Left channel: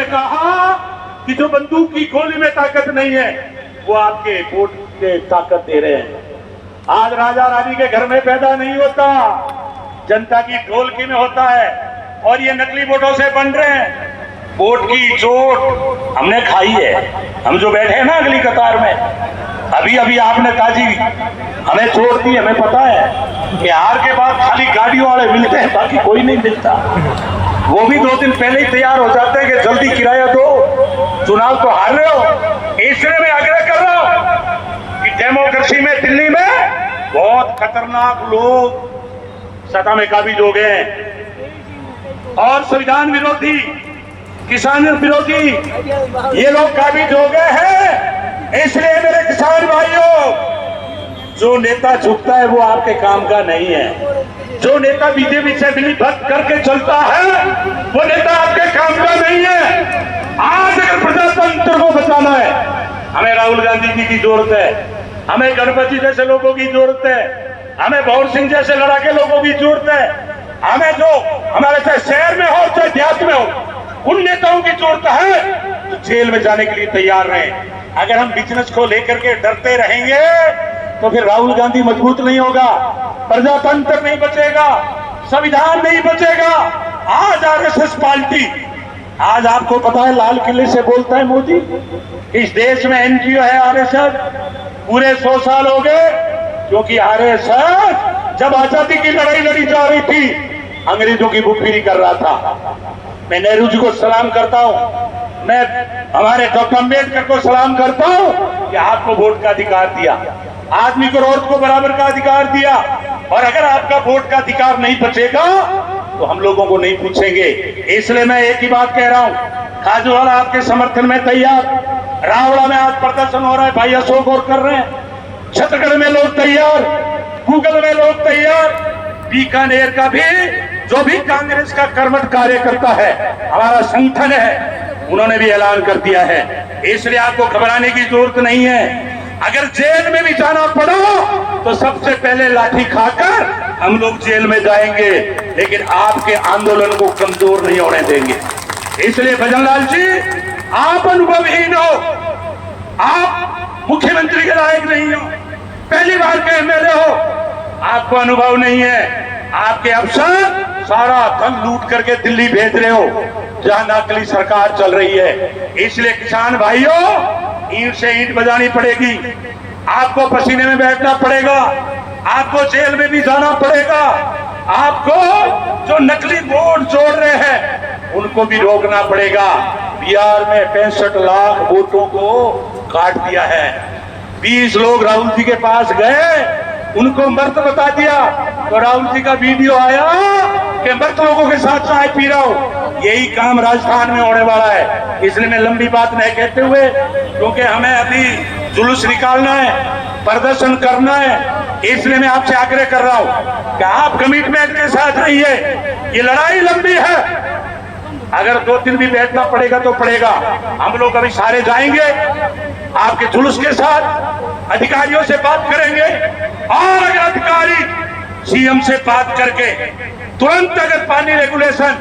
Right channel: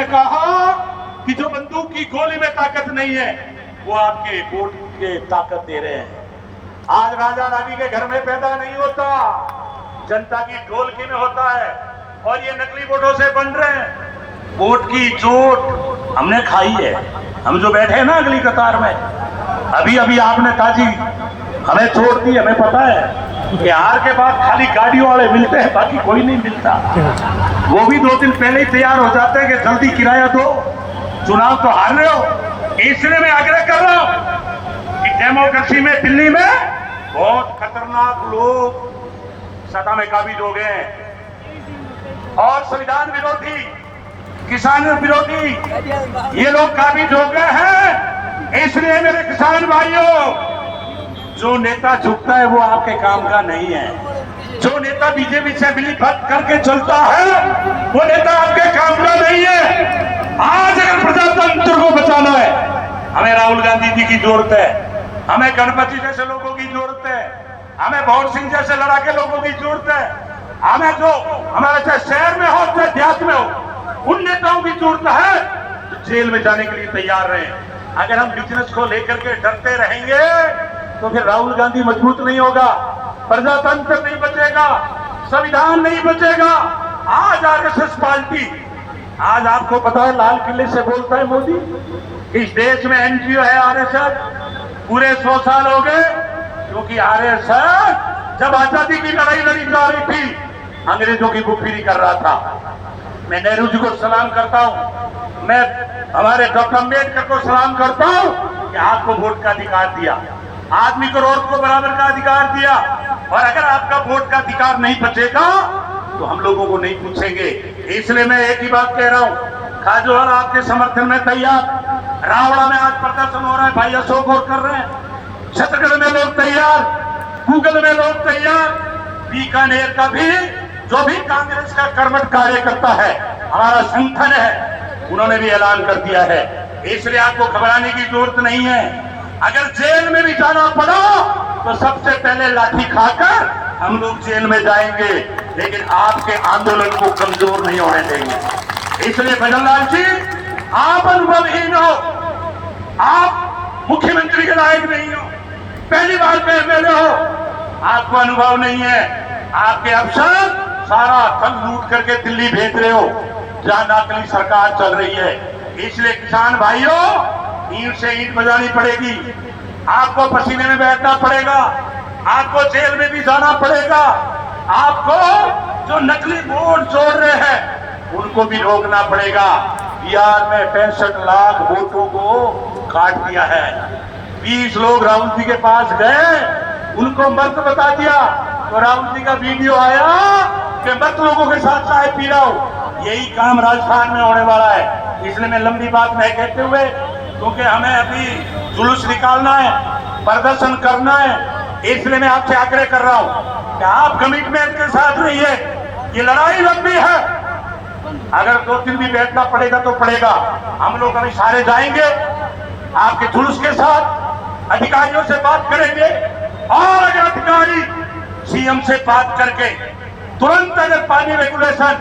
ने कहा कि जो बंदूक की गोली में ताकत नहीं है वो आपके वोट के ताकत दे रहे हैं। आज राजा रानी के घर में पैदा नहीं होता, जनता की ढोलकी में होता है। और ये नकली वोटों से बन रहे हैं। वोट की चोट हमने खाई है। हम जो बैठे हैं ना अगली कतार में, अभी अभी आपने ताजी हमें चोट दी। हमें पता है कि हार के बाद खाली गाड़ियों वाले मिलते हैं, बाकी कोई नहीं मिलता। वो भी 2 दिन पहले ही तैयार हो जाते हैं कि जल्दी किराया दो, चुनाव तो हार रहे हो। इसलिए मैं आग्रह कर रहा हूं कि डेमोक्रेसी में दिल्ली में बहुत खतरनाक लोग सत्ता में काबिज हो गए और संविधान विरोधी, किसान विरोधी ये लोग काबिज हो गए हैं। इसलिए मेरे किसान भाइयों, जो नेता झुकता है वो आपके काम का नहीं है। जो नेता बीजेपी से मिलीभगत करके चलता है वो नेता आपके काम का नहीं है। आज अगर प्रजातंत्र को बचाना है, हमें राहुल गांधी जी की जरूरत है, हमें गणपति जैसे लोगों की जरूरत है, हमें भौर सिंह जैसे लड़ाके लोगों की जरूरत है, हमें जो हमारे चाहे शहर में हो चाहे देहात में हो उन नेताओं की जरूरत है जो जेल में जाने के लिए तैयार रहे। अगर हम बिजनेस को लेकर के डरते रहेंगे तो फिर राहुल गांधी मजबूत नहीं होगा, प्रजातंत्र नहीं बचेगा, संविधान नहीं बचेगा। आज आरएसएस पार्टी, आज आपको पता है लाल किले से बोलता है मोदी, इस देश में एनजीओ है आरएसएस, पूरे 100 साल हो गए। क्योंकि आरएसएस जब आजादी की लड़ाई लड़ी जा रही थी अंग्रेजों की बुफेरी कर रहा था। मैं नेहरू जी को सलाम करता हूं, मैं हमारे डॉक्टर अम्बेडकर को सलाम करता हूं कि आपको वोट का अधिकार दिया, आदमी को औरत को बराबर का अधिकार दिया। और अगर आपका वोट का अधिकार नहीं बचेगा तो हम लोगों को नहीं पूछेंगे। इसलिए मैं एक ही बात कह रहा हूं, खाजूवाला आपके समर्थन में तैयार, रावड़ा में आज प्रदर्शन हो रहा है, भाई अशोक और कर रहे हैं, छत्तीसगढ़ में लोग तैयार, गूगल में लोग तैयार, बीकानेर का भी जो भी कांग्रेस का कर्मठ कार्यकर्ता है, हमारा संगठन है, उन्होंने भी ऐलान कर दिया है। इसलिए आपको घबराने की जरूरत नहीं है। अगर जेल में भी जाना पड़ा तो सबसे पहले लाठी खाकर हम लोग जेल में जाएंगे, लेकिन आपके आंदोलन को कमजोर नहीं होने देंगे। इसलिए भजनलाल जी, आप अनुभवहीन हो, आप मुख्यमंत्री के लायक नहीं हो, पहली बार के एमएलए हो, आपको अनुभव नहीं है। आपके अफसर सारा धन लूट करके दिल्ली भेज रहे हो जहां नकली सरकार चल रही है। इसलिए किसान भाइयों, ईंट से ईंट बजानी पड़ेगी, आपको पसीने में बैठना पड़ेगा, आपको जेल में भी जाना पड़ेगा, आपको जो नकली वोट जोड़ रहे हैं उनको भी रोकना पड़ेगा। बिहार में 65 लाख वोटों को काट दिया है। 20 लोग राहुल जी के पास गए, उनको मर्द बता दिया तो राहुल जी का वीडियो आया कि मर्द लोगों के साथ चाय पी रहा हूं। यही काम राजस्थान में होने वाला है। इसलिए मैं लंबी बात नहीं कहते हुए, क्योंकि हमें अभी जुलूस निकालना है, प्रदर्शन करना है, इसलिए मैं आपसे आग्रह कर रहा हूं कि आप कमिटमेंट के साथ रहिए। ये लड़ाई लंबी है, अगर 2 दिन भी बैठना पड़ेगा तो पड़ेगा। हम लोग अभी सारे जाएंगे आपके जुलूस के साथ, अधिकारियों से बात करेंगे और अगर अधिकारी सीएम से बात करके तुरंत अगर पानी रेगुलेशन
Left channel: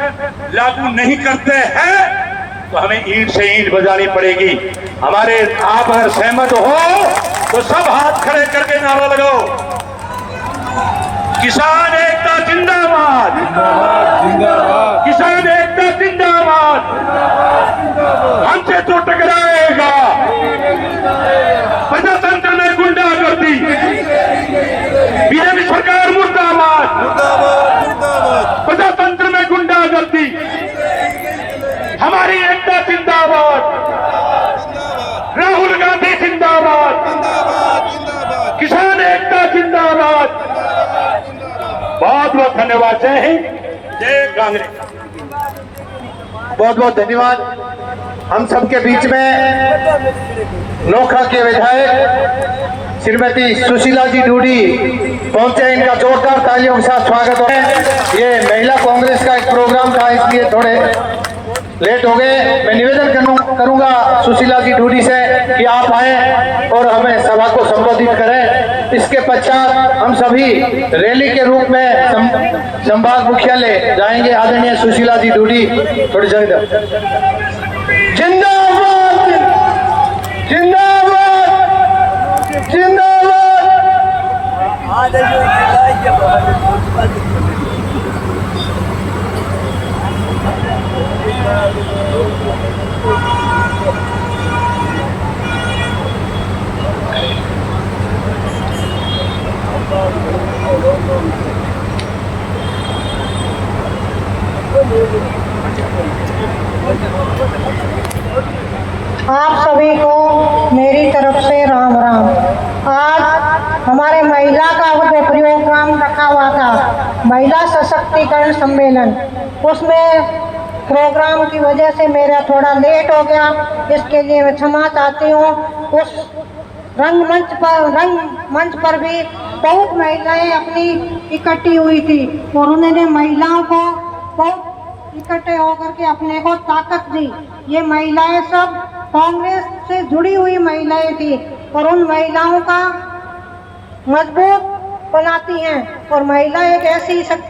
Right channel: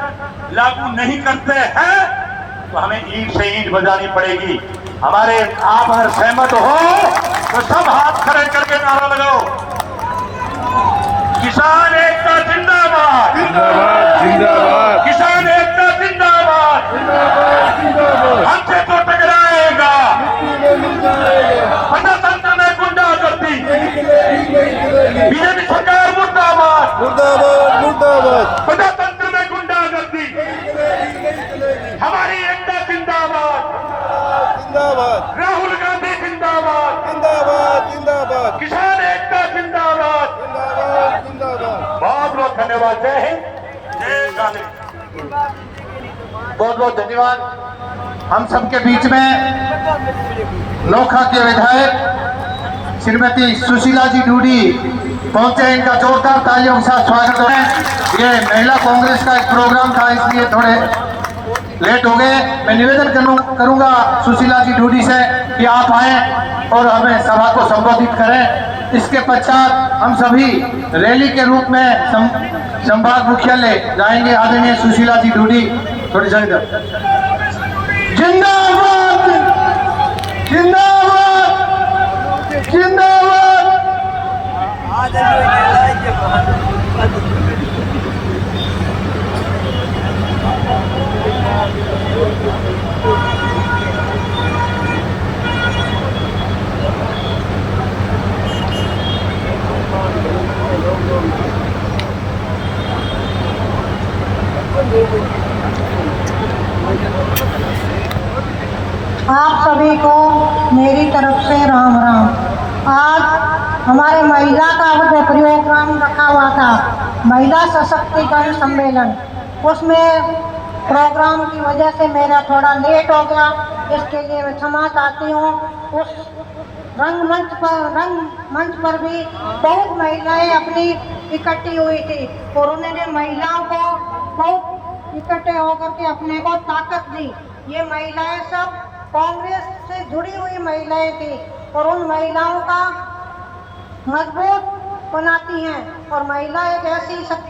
लागू नहीं करते हैं तो हमें ईंट से ईंट बजानी पड़ेगी। हमारे आप अगर सहमत हो तो सब हाथ खड़े करके नारा लगाओ, किसान एकता जिंदाबाद, जिंदाबाद जिंदाबाद, किसान एकता जिंदाबाद, हमसे तो टकराएगा प्रजातंत्र में गुंडागर्दी, बीजेपी सरकार मुर्दाबाद, मुर्दाबाद मुर्दाबाद, प्रजातंत्र में गुंडागर्दी, हमारी एकता जिंदाबाद, जिंदाबाद राहुल गांधी जिंदाबाद, जिंदाबाद जिंदाबाद, किसान एकता जिंदाबाद। जिंदाबाद जिंदाबाद। बहुत बहुत धन्यवाद। जय हिंद, जय कांग्रेस। बहुत बहुत धन्यवाद। हम सबके बीच में नोखा के विधायक श्रीमती सुशीला जी ढूडी पहुंचे। इनका जोरदार तालियों के साथ स्वागत है। ये महिला कांग्रेस का एक प्रोग्राम था, इसलिए थोड़े लेट हो गए। मैं निवेदन करूंगा सुशीला जी ढूडी से कि आप आए और हमें सभा को संबोधित करें। इसके पश्चात हम सभी रैली के रूप में संभाग मुख्यालय जाएंगे। आदरणीय सुशीला जी ढूडी, थोड़ी जल्द। जिंदाबाद जिंदाबाद जिंदाबाद। आप सभी को मेरी तरफ से राम राम। आज हमारे महिला का प्रोग्राम रखा हुआ था, महिला सशक्तिकरण सम्मेलन। उसमें प्रोग्राम की वजह से मेरा थोड़ा लेट हो गया, इसके लिए मैं क्षमा चाहती हूँ। उस रंगमंच पर भी बहुत महिलाएं अपनी इकट्ठी हुई थी और उन्होंने महिलाओं को बहुत इकट्ठे होकर के अपने को ताकत दी। ये महिलाएं सब कांग्रेस से जुड़ी हुई महिलाएं थी और उन महिलाओं का मजबूत बनाती हैं। और महिला एक ऐसी शक्ति